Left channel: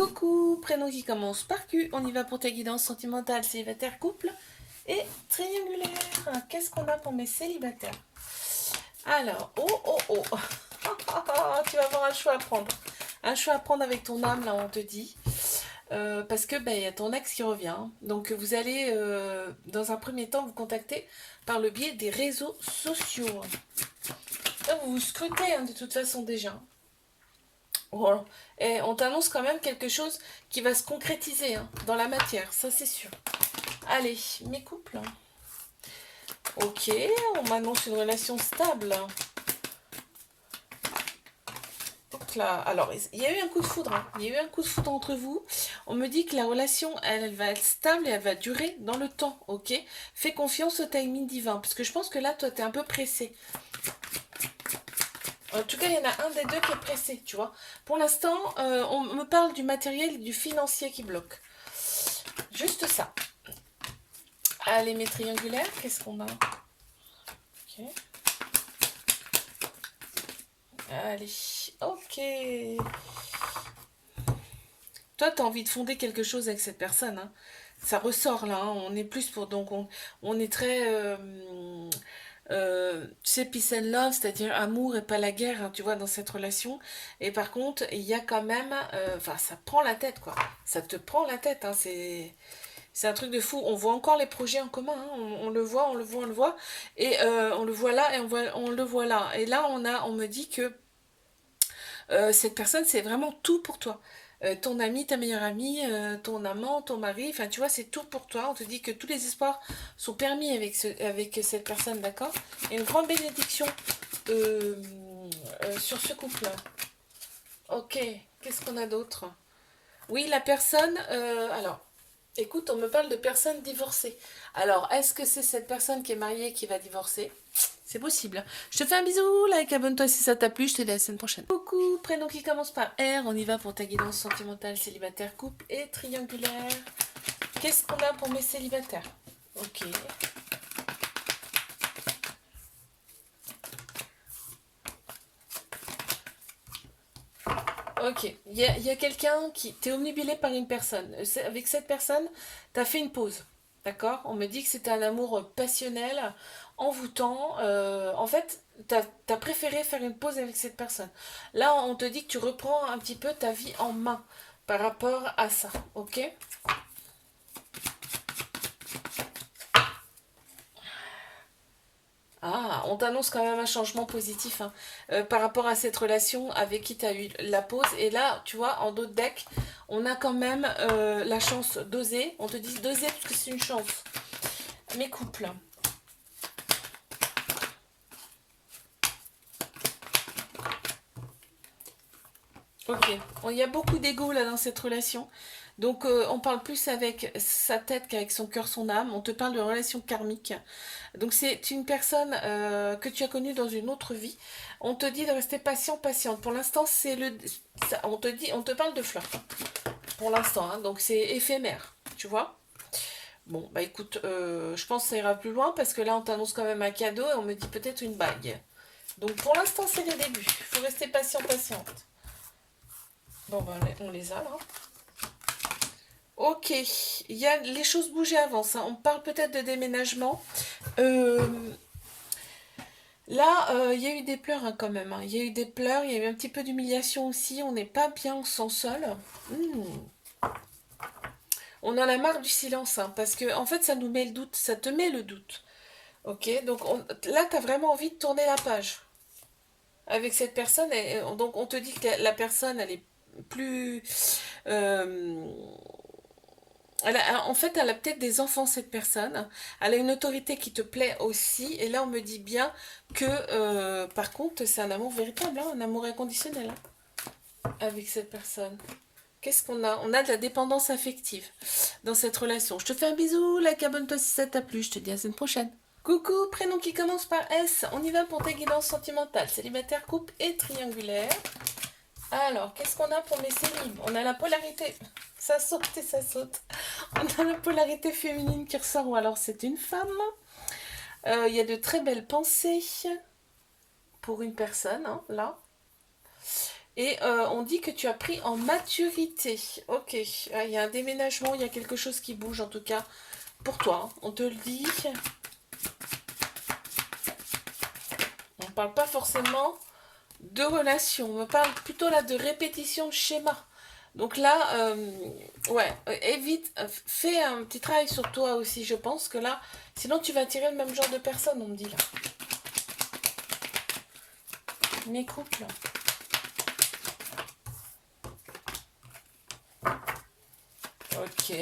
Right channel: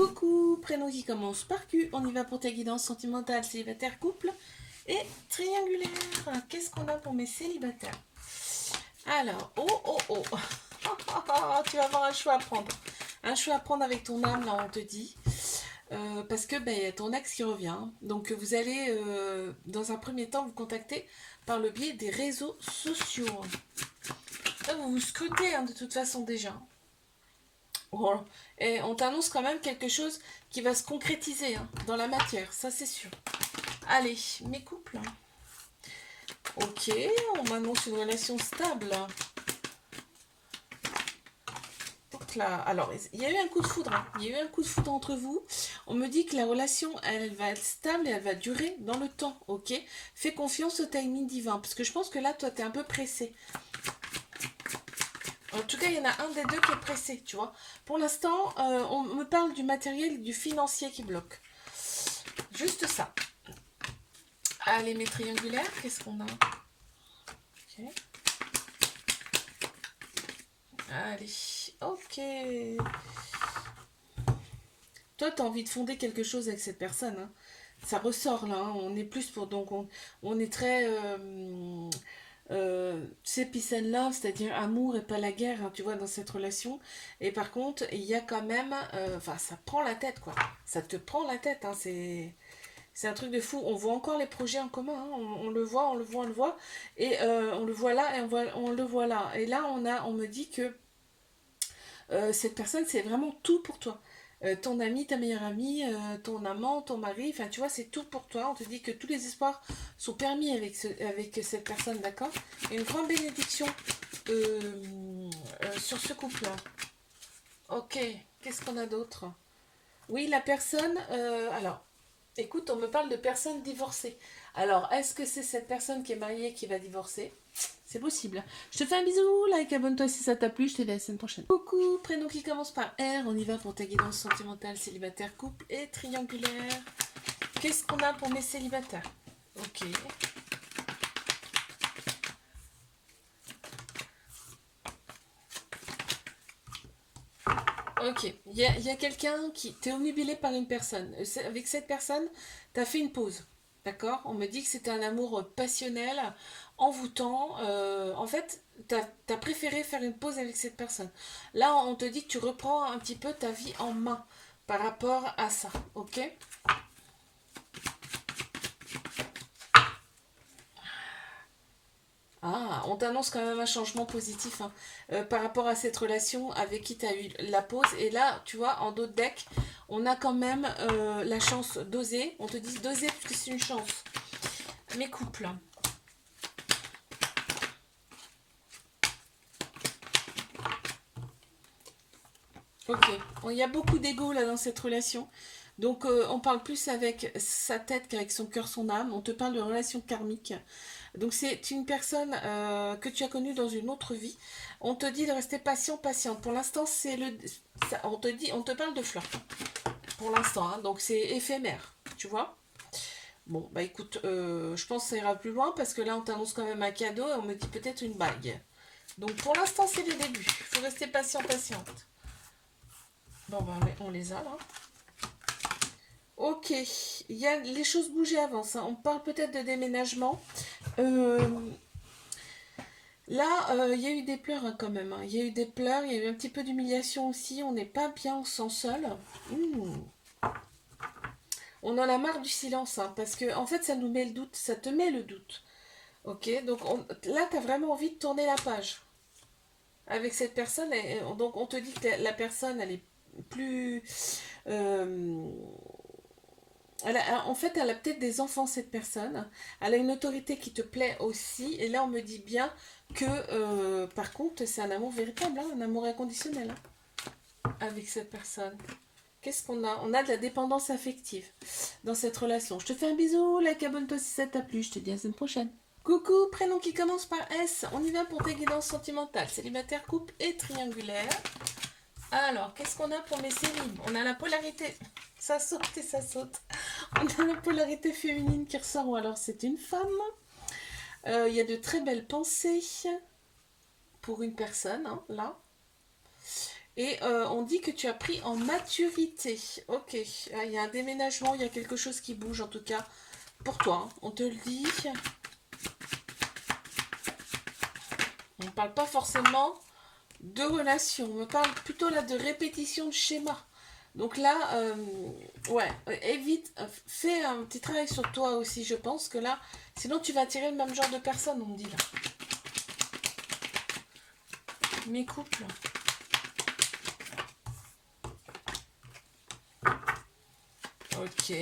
Coucou, prénom qui commence par Q, on y va pour ta guidance sentimentale, célibataire, couple et triangulaire. Qu'est-ce qu'on a pour mes célibataires? Alors, oh, tu vas avoir un choix à prendre. Un choix à prendre avec ton âme, là, on te dit. Parce que y a ton ex qui revient. Donc, vous allez, dans un premier temps, vous contacter par le biais des réseaux sociaux. Là, vous vous scrutez, de toute façon, déjà. Voilà. Et on t'annonce quand même quelque chose qui va se concrétiser dans la matière, ça c'est sûr. Allez, mes couples. Ok, on m'annonce une relation stable. Donc là, alors, il y a eu un coup de foudre. Il y a eu un coup de foudre entre vous. On me dit que la relation, elle va être stable et elle va durer dans le temps, ok? Fais confiance au timing divin, parce que je pense que là, toi, t'es un peu pressé. En tout cas, il y en a un des deux qui est pressé, tu vois. Pour l'instant, on me parle du matériel et du financier qui bloque. Juste ça. Allez, mes triangulaires, qu'est-ce qu'on a? Ok. Allez, ok. Toi, tu as envie de fonder quelque chose avec cette personne. Ça ressort là. On est plus pour. Donc, on est très. Tu sais, peace and love, c'est-à-dire amour et pas la guerre, tu vois, dans cette relation. Et par contre, il y a quand même. Enfin, ça prend la tête, quoi. Ça te prend la tête, c'est un truc de fou. On voit encore les projets en commun. On le voit, on le voit, on le voit. Et on le voit là et on le voit là. Et là, on me dit que cette personne, c'est vraiment tout pour toi. Ton ami, ta meilleure amie, ton amant, ton mari, enfin tu vois, c'est tout pour toi. On te dit que tous les espoirs sont permis avec cette personne, d'accord? Et une grande bénédiction sur ce couple-là. Ok, qu'est-ce qu'on a d'autre? Oui, la personne, alors, écoute, on me parle de personnes divorcées. Alors, est-ce que c'est cette personne qui est mariée qui va divorcer? C'est possible. Je te fais un bisou, like, abonne-toi si ça t'a plu, je te dis à la semaine prochaine. Coucou, prénom qui commence par R, on y va pour ta guidance sentimentale, célibataire, couple et triangulaire. Qu'est-ce qu'on a pour mes célibataires? Ok. Ok, il y a quelqu'un qui... T'es omnibulé par une personne. Avec cette personne, t'as fait une pause. D'accord? On me dit que c'était un amour passionnel, envoûtant. En fait, t'as préféré faire une pause avec cette personne. Là, on te dit que tu reprends un petit peu ta vie en main par rapport à ça. Ok? Ah, on t'annonce quand même un changement positif par rapport à cette relation avec qui tu as eu la pause. Et là, tu vois, en d'autres decks, on a quand même la chance d'oser. On te dit d'oser parce que c'est une chance. Mes couples. Ok. Bon, il y a beaucoup d'ego là dans cette relation. Donc on parle plus avec sa tête qu'avec son cœur, son âme. On te parle de relation karmique. Donc c'est une personne que tu as connue dans une autre vie. On te dit de rester patient, patiente. Pour l'instant, on te dit, on te parle de flirt. Pour l'instant, donc c'est éphémère, tu vois. Bon, bah écoute, je pense que ça ira plus loin parce que là, on t'annonce quand même un cadeau et on me dit peut-être une bague. Donc pour l'instant, c'est le début. Il faut rester patient, patiente. Bon, bah on les a là. Ok, les choses bougent et avancent. On parle peut-être de déménagement. Euh, Là, il y a eu des pleurs quand même. Il y a eu des pleurs, il y a eu un petit peu d'humiliation aussi. On n'est pas bien, on s'en seul. On en a marre du silence, parce que en fait, ça nous met le doute, ça te met le doute. Ok, donc là, tu as vraiment envie de tourner la page avec cette personne. Et donc, on te dit que la personne, elle est plus. euh, en fait, elle a peut-être des enfants, cette personne. Elle a une autorité qui te plaît aussi. Et là, on me dit bien que, par contre, c'est un amour véritable, un amour inconditionnel avec cette personne. Qu'est-ce qu'on a? On a de la dépendance affective dans cette relation. Je te fais un bisou, like, abonne-toi si ça t'a plu. Je te dis à la semaine prochaine. Coucou, prénom qui commence par S. On y va pour ta guidance sentimentale, célibataire, couple et triangulaire. Alors, qu'est-ce qu'on a pour mes célibes? On a la polarité. Ça saute et ça saute. On a la polarité féminine qui ressort. Ou alors, c'est une femme. Il y a de très belles pensées pour une personne, là. Et on dit que tu as pris en maturité. Ok, il y a un déménagement, il y a quelque chose qui bouge en tout cas pour toi. Hein. On te le dit. On ne parle pas forcément de relation. On parle plutôt là de répétition de schéma. Donc là, ouais, évite, fais un petit travail sur toi aussi, je pense que là, sinon tu vas attirer le même genre de personne, on me dit là. Mes couples. Ok,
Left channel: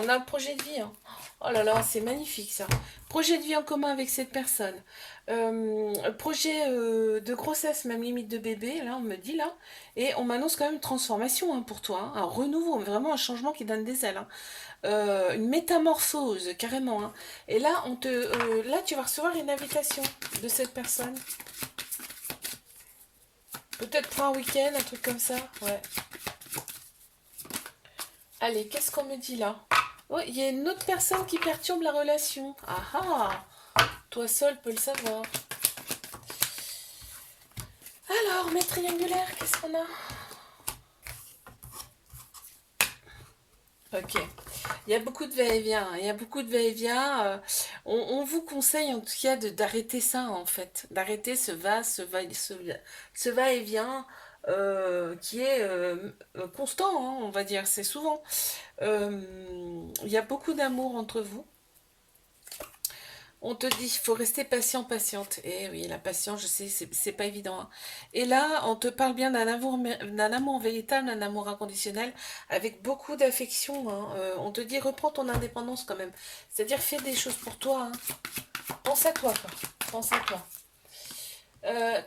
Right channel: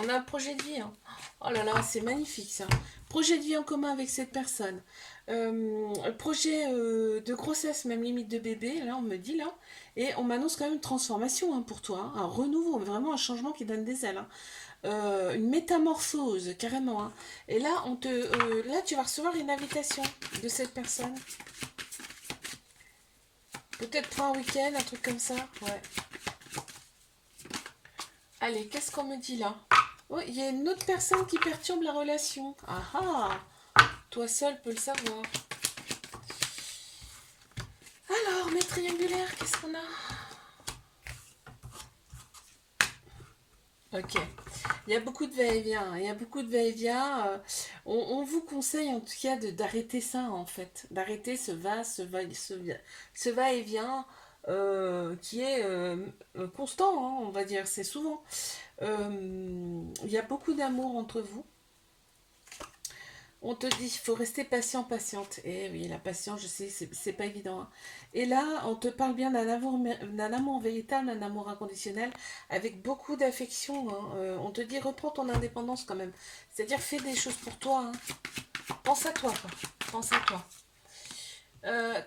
on a un projet de vie. Hein. Oh là là, c'est magnifique ça. Projet de vie en commun avec cette personne. Projet de grossesse, même limite de bébé, là, on me dit là. Et on m'annonce quand même une transformation hein, pour toi. Hein. Un renouveau, vraiment un changement qui donne des ailes. Hein. Une métamorphose, carrément. Hein. Et là, là, tu vas recevoir une invitation de cette personne. Peut-être pour un week-end, un truc comme ça. Ouais. Allez, qu'est-ce qu'on me dit là? Oh, il y a une autre personne qui perturbe la relation. Ah ah! Toi seul peux le savoir. Alors, mes triangulaires, qu'est-ce qu'on a? Ok. Il y a beaucoup de va-et-vient. Hein. Il y a beaucoup de va-et-vient. On vous conseille en tout cas d'arrêter ça en fait. D'arrêter ce va-et-vient qui est constant, hein, on va dire. C'est souvent. Il y a beaucoup d'amour entre vous. On te dit, il faut rester patient, patiente. Et oui, la patience, je sais, c'est pas évident. Hein. Et là, on te parle bien d'un amour véritable, d'un amour inconditionnel, avec beaucoup d'affection. Hein. On te dit, reprends ton indépendance quand même. C'est-à-dire, fais des choses pour toi. Hein. Pense à toi, quoi. Pense à toi.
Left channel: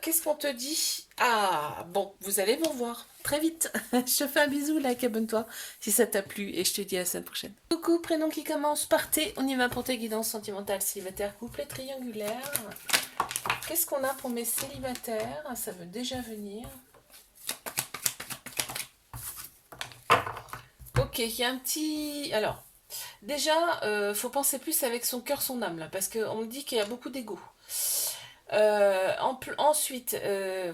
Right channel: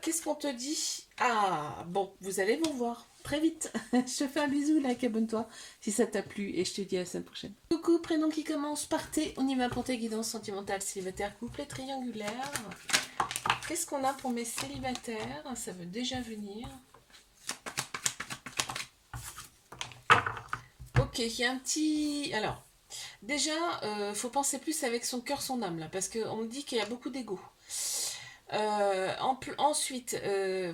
Qu'est-ce qu'on te dit? Ah, bon, vous allez vous revoir très vite. Je te fais un bisou, like, abonne-toi si ça t'a plu et je te dis à la semaine prochaine. Coucou, prénom qui commence par T. On y va pour tes guidances sentimentales, célibataires, couple et triangulaires. Qu'est-ce qu'on a pour mes célibataires? Ça veut déjà venir. Ok, il y a un petit... Alors, déjà, faut penser plus avec son cœur, son âme, là, parce qu'on me dit qu'il y a beaucoup d'ego. Ensuite,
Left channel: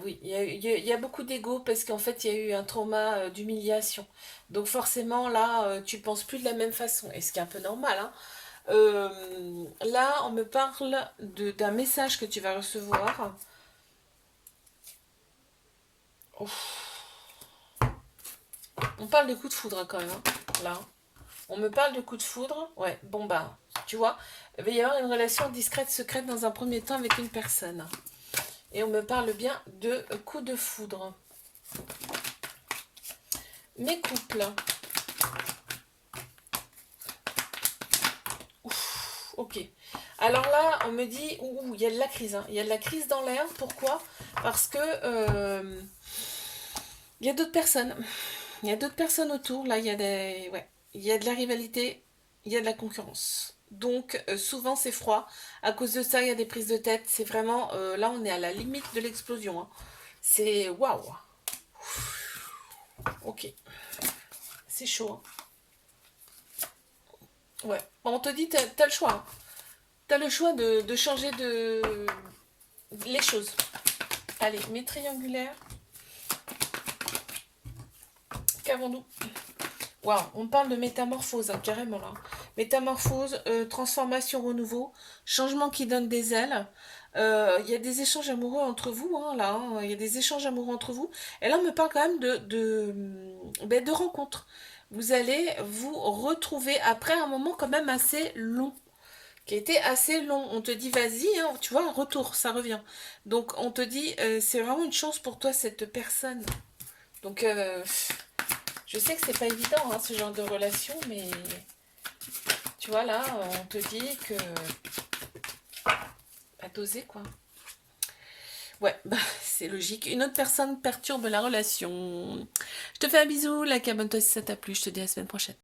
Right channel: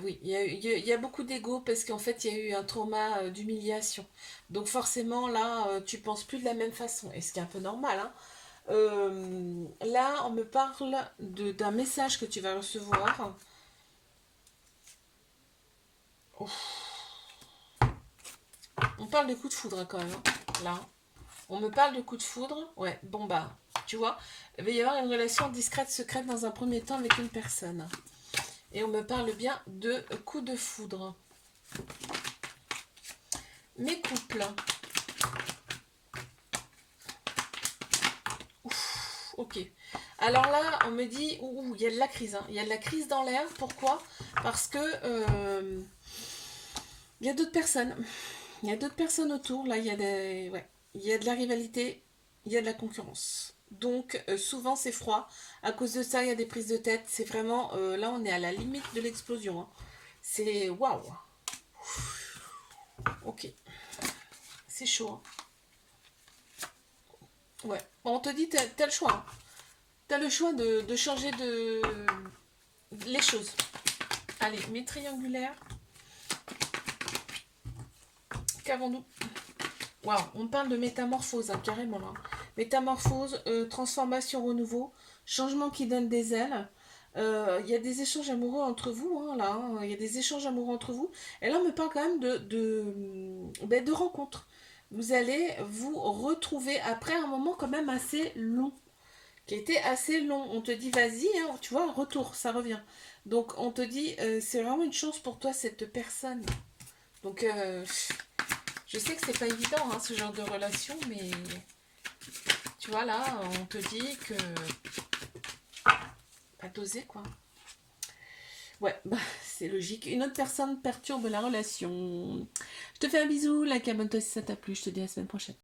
oui, il y a beaucoup d'ego parce qu'en fait, il y a eu un trauma d'humiliation. Donc forcément, là, tu penses plus de la même façon. Et ce qui est un peu normal. Hein. Là, on me parle d'un message que tu vas recevoir. Ouf. On parle de coup de foudre hein, quand même. Hein, là. On me parle de coup de foudre. Ouais, bon bah, tu vois, il va y avoir une relation discrète, secrète dans un premier temps avec une personne. Et on me parle bien de coup de foudre. Mes couples. Ouf, ok. Alors là, on me dit, il y a de la crise. Hein. Il y a de la crise dans l'air. Pourquoi? Parce que il y a d'autres personnes. Il y a d'autres personnes autour. Là, ouais. Il y a de la rivalité. Il y a de la concurrence. Donc, souvent, c'est froid. À cause de ça, il y a des prises de tête. C'est vraiment... là, on est à la limite de l'explosion. Hein. C'est... Waouh. Ok. C'est chaud. Hein. Ouais. Bon, on te dit, t'as le choix. Hein. T'as le choix de changer les choses. Allez, mes triangulaires. Qu'avons-nous? Waouh, on parle de métamorphose, hein, carrément là. Métamorphose, transformation, renouveau, changement qui donne des ailes. Il y a des échanges amoureux entre vous, hein, là. Hein. Il y a des échanges amoureux entre vous. Et là, on me parle quand même de rencontres. Vous allez vous retrouver après un moment quand même assez long, qui était assez long. On te dit, vas-y, hein, tu vois, retour, ça revient. Donc, on te dit, c'est vraiment une chance pour toi, cette personne. Donc, je sais que c'est pas évident, hein, ce genre de relation, mais tu vois, là, on te dit que... à doser, quoi. Ouais, bah, c'est logique. Une autre personne perturbe la relation. Je te fais un bisou, like, abonne-toi si ça t'a plu. Je te dis à la semaine prochaine.